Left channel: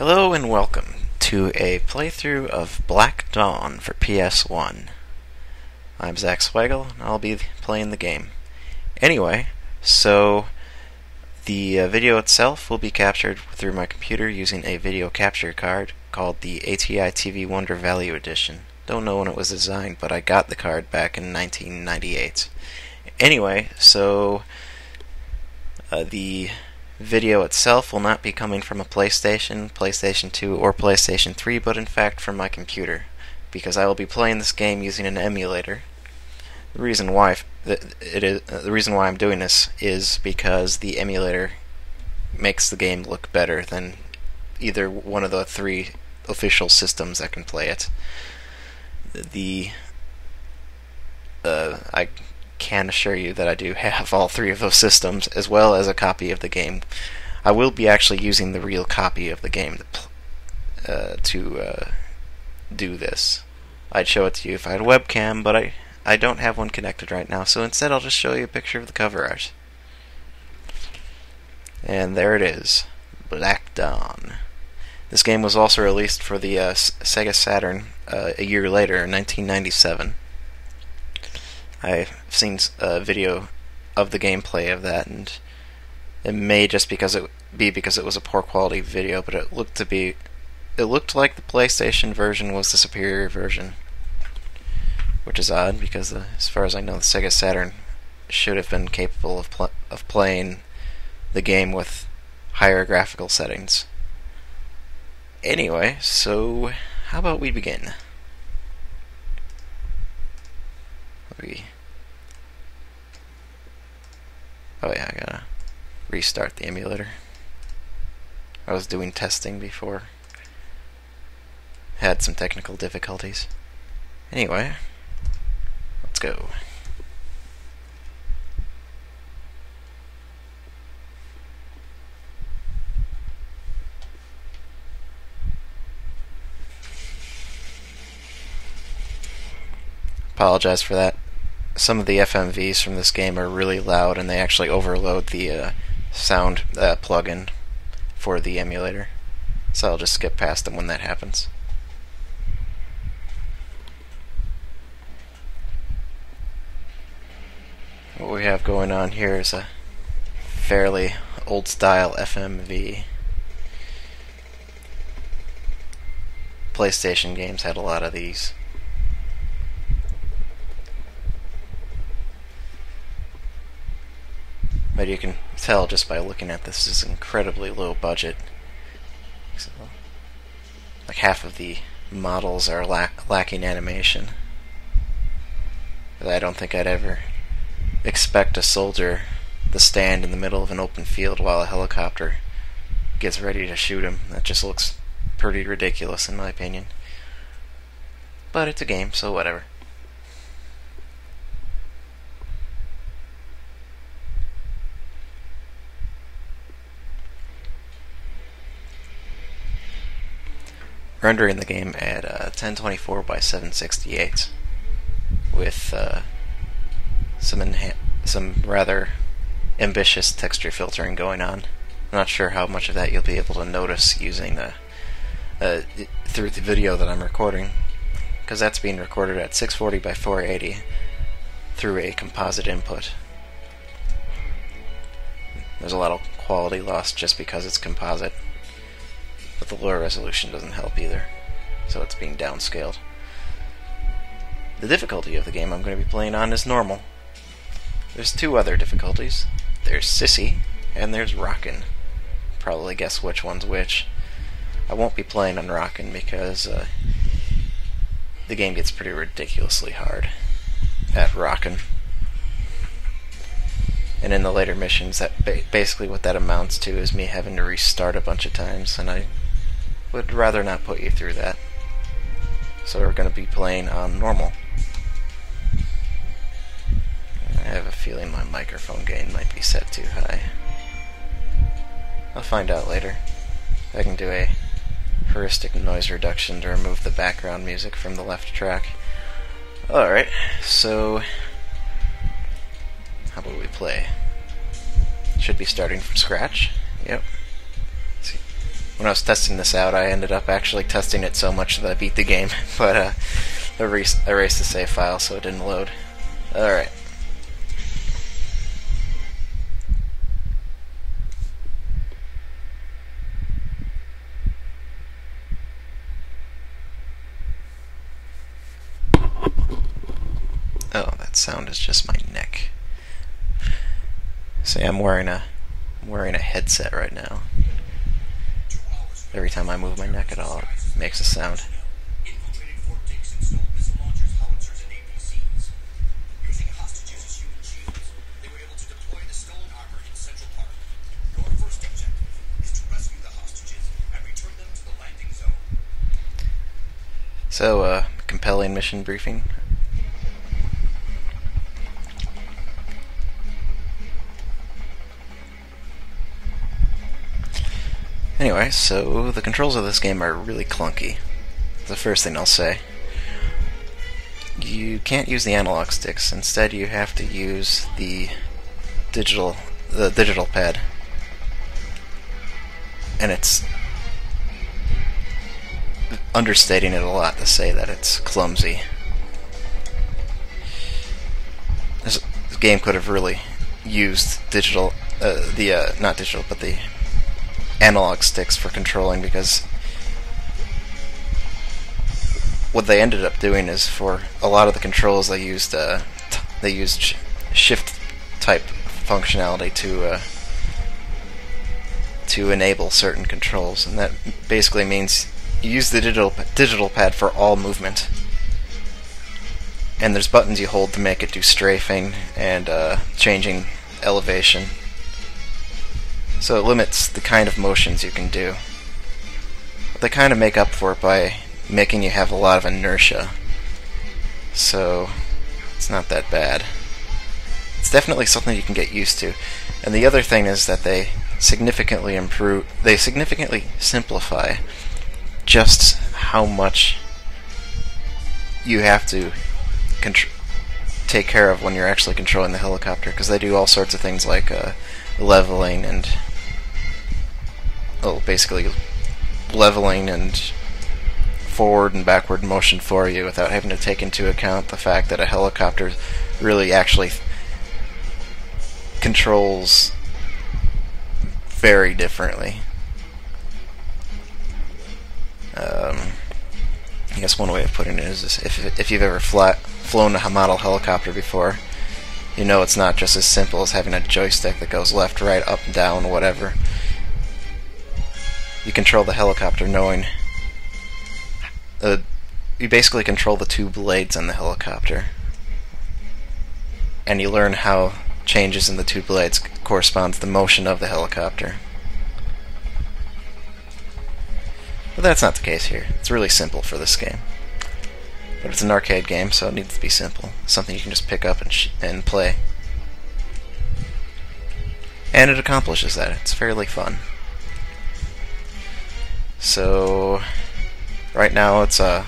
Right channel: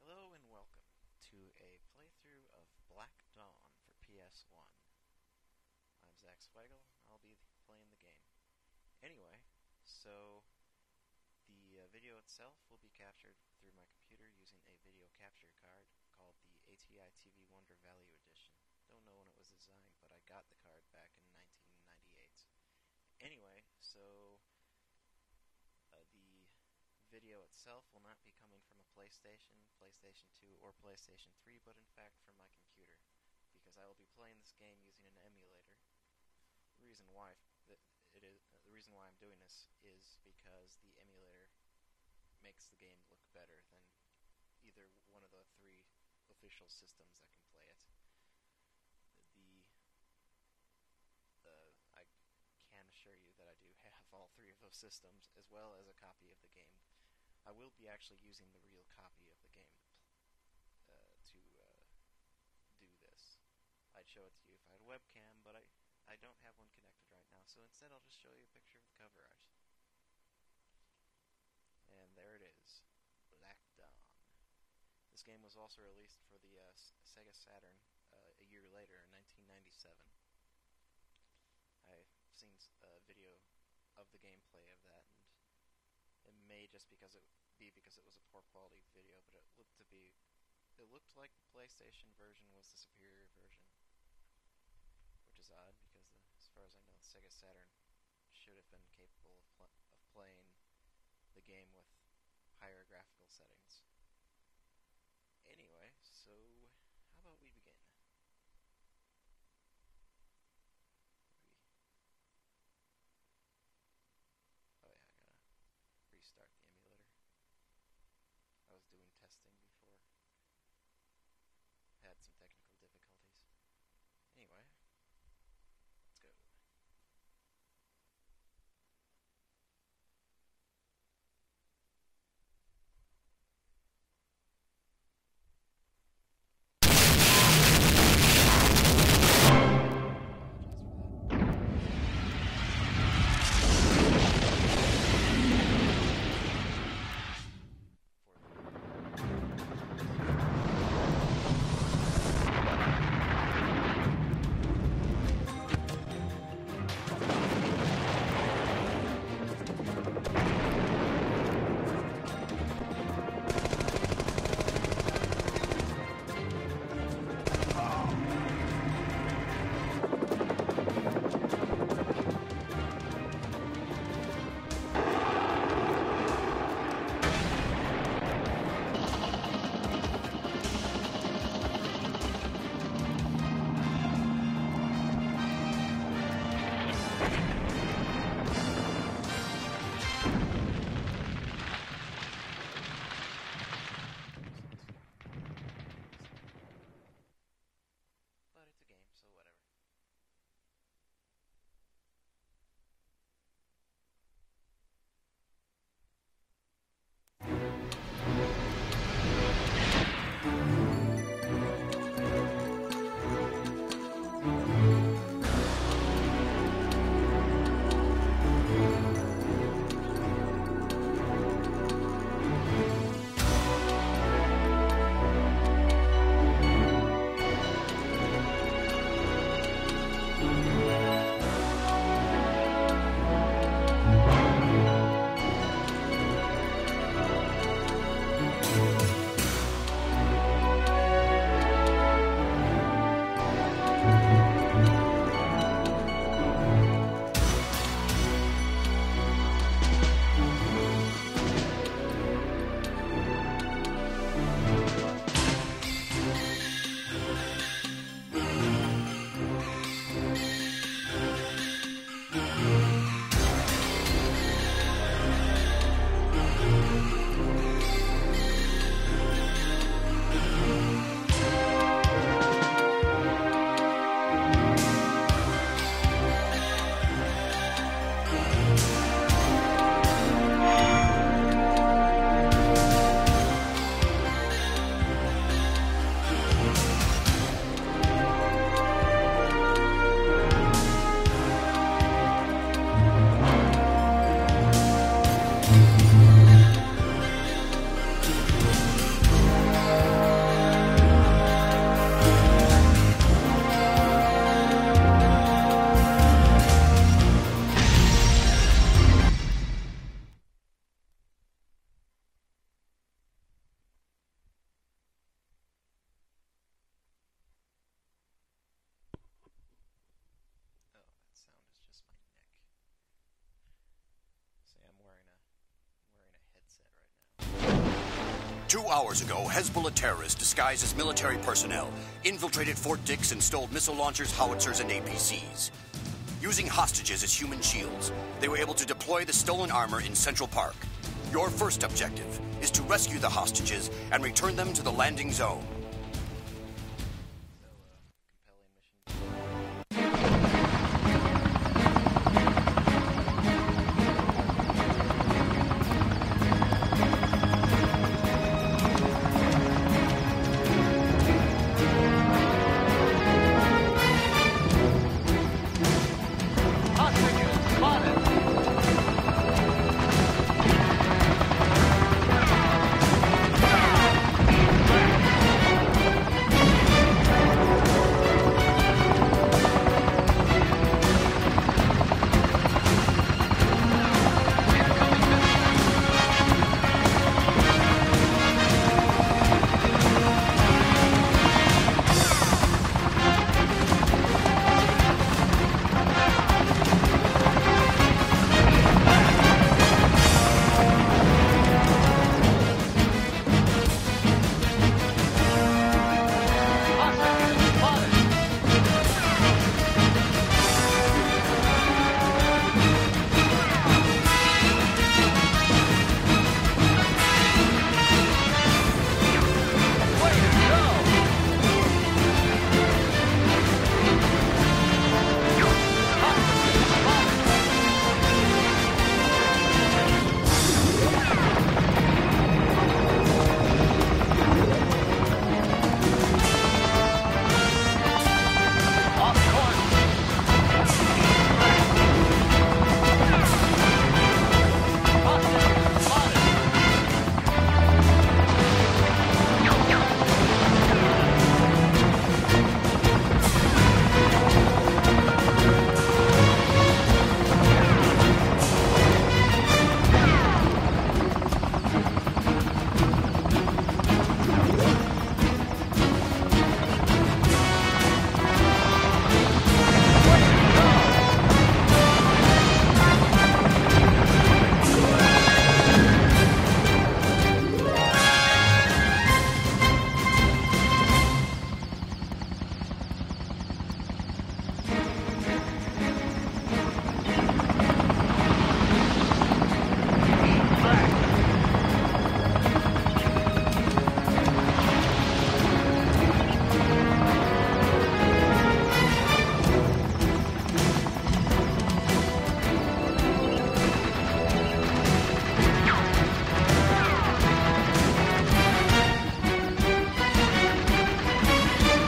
Hello and welcome to a playthrough of Black Dawn for PS1. I'm Zach Swagel, and I'll be playing the game. Anyway, so the video itself will be captured through my computer using a video capture card called the ATI TV Wonder Value Edition. Don't know when it was designed, but I got the card back in 1998. Anyway, so the video itself will not be coming from a PlayStation, PlayStation 2, or PlayStation 3, but in fact from my computer, because I will be playing this game using an emulator. The reason why I'm doing this is because the emulator makes the game look better than either one of the three official systems that can play it. I can assure you that I do have all three of those systems, as well as a copy of the game. I will be actually using the real copy of the game to do this. I'd show it to you if I had a webcam, but I don't have one connected right now, so instead I'll just show you a picture of the cover art. And there it is, Black Dawn. This game was also released for the Sega Saturn a year later, in 1997. I've seen a video of the gameplay of that, and it may just because it was a poor quality video, but it looked like the PlayStation version was the superior version, which is odd because as far as I know, the Sega Saturn should have been capable of playing the game with higher graphical settings. Anyway, so how about we begin? Oh yeah, I gotta restart the emulator. I was doing testing before. Had some technical difficulties. Anyway, let's go. Apologize for that. Some of the FMVs from this game are really loud, and they actually overload the sound plugin for the emulator. So I'll just skip past them when that happens. What we have going on here is a fairly old-style FMV. PlayStation games had a lot of these. But you can tell just by looking at this, it's incredibly low budget. Like half of the models are lacking animation. I don't think I'd ever expect a soldier to stand in the middle of an open field while a helicopter gets ready to shoot him. That just looks pretty ridiculous in my opinion. But it's a game, so whatever. Rendering the game at 1024 by 768 with some rather ambitious texture filtering going on. I'm not sure how much of that you'll be able to notice using through the video that I'm recording, because that's being recorded at 640 by 480 through a composite input. There's a lot of quality loss just because it's composite. The lower resolution doesn't help either, so it's being downscaled. The difficulty of the game I'm going to be playing on is normal. There's two other difficulties. There's Sissy, and there's Rockin'. Probably guess which one's which. I won't be playing on Rockin' because the game gets pretty ridiculously hard at Rockin'. And in the later missions, that basically what that amounts to is me having to restart a bunch of times, and I would rather not put you through that. So we're going to be playing on normal. I have a feeling my microphone gain might be set too high. I'll find out later if I can do a heuristic noise reduction to remove the background music from the left track. Alright, so how do we play? Should be starting from scratch. Yep. when I was testing this out, I ended up actually testing it so much that I beat the game, but I erased the save file so it didn't load. Alright. Oh, that sound is just my neck. See, I'm wearing a headset right now. 2 hours ago, Every time I Hezbollah move my neck terrorists at all, disguised as it makes a military sound. personnel infiltrated Fort Dix and stole missile launchers, howitzers, and APCs. Using hostages as human shields, they were able to deploy the stolen armor in Central Park. Your first objective is to rescue the hostages and return them to the landing zone. So, compelling mission briefing. Anyway, so the controls of this game are really clunky. The first thing I'll say. You can't use the analog sticks. Instead, you have to use the digital pad. And it's understating it a lot to say that it's clumsy. This game could have really used digital, not digital, but the analog sticks for controlling, because what they ended up doing is for a lot of the controls they used shift type functionality to enable certain controls, and that basically means you use the digital pad for all movement, and there's buttons you hold to make it do strafing and changing elevation. So it limits the kind of motions you can do. They kind of make up for it by making you have a lot of inertia. So it's not that bad. It's definitely something you can get used to. And the other thing is that they significantly simplify just how much you have to take care of when you're actually controlling the helicopter, because they do all sorts of things like leveling and basically leveling and forward and backward motion for you without having to take into account the fact that a helicopter really actually controls very differently. I guess one way of putting it is if you've ever flown a model helicopter before, you know it's not just as simple as having a joystick that goes left, right, up, down, or whatever. You control the helicopter knowing... you basically control the two blades on the helicopter. And you learn how changes in the two blades correspond to the motion of the helicopter. But that's not the case here. It's really simple for this game. It's an arcade game, so it needs to be simple. Something you can just pick up and play. And it accomplishes that. It's fairly fun. So, right now it's a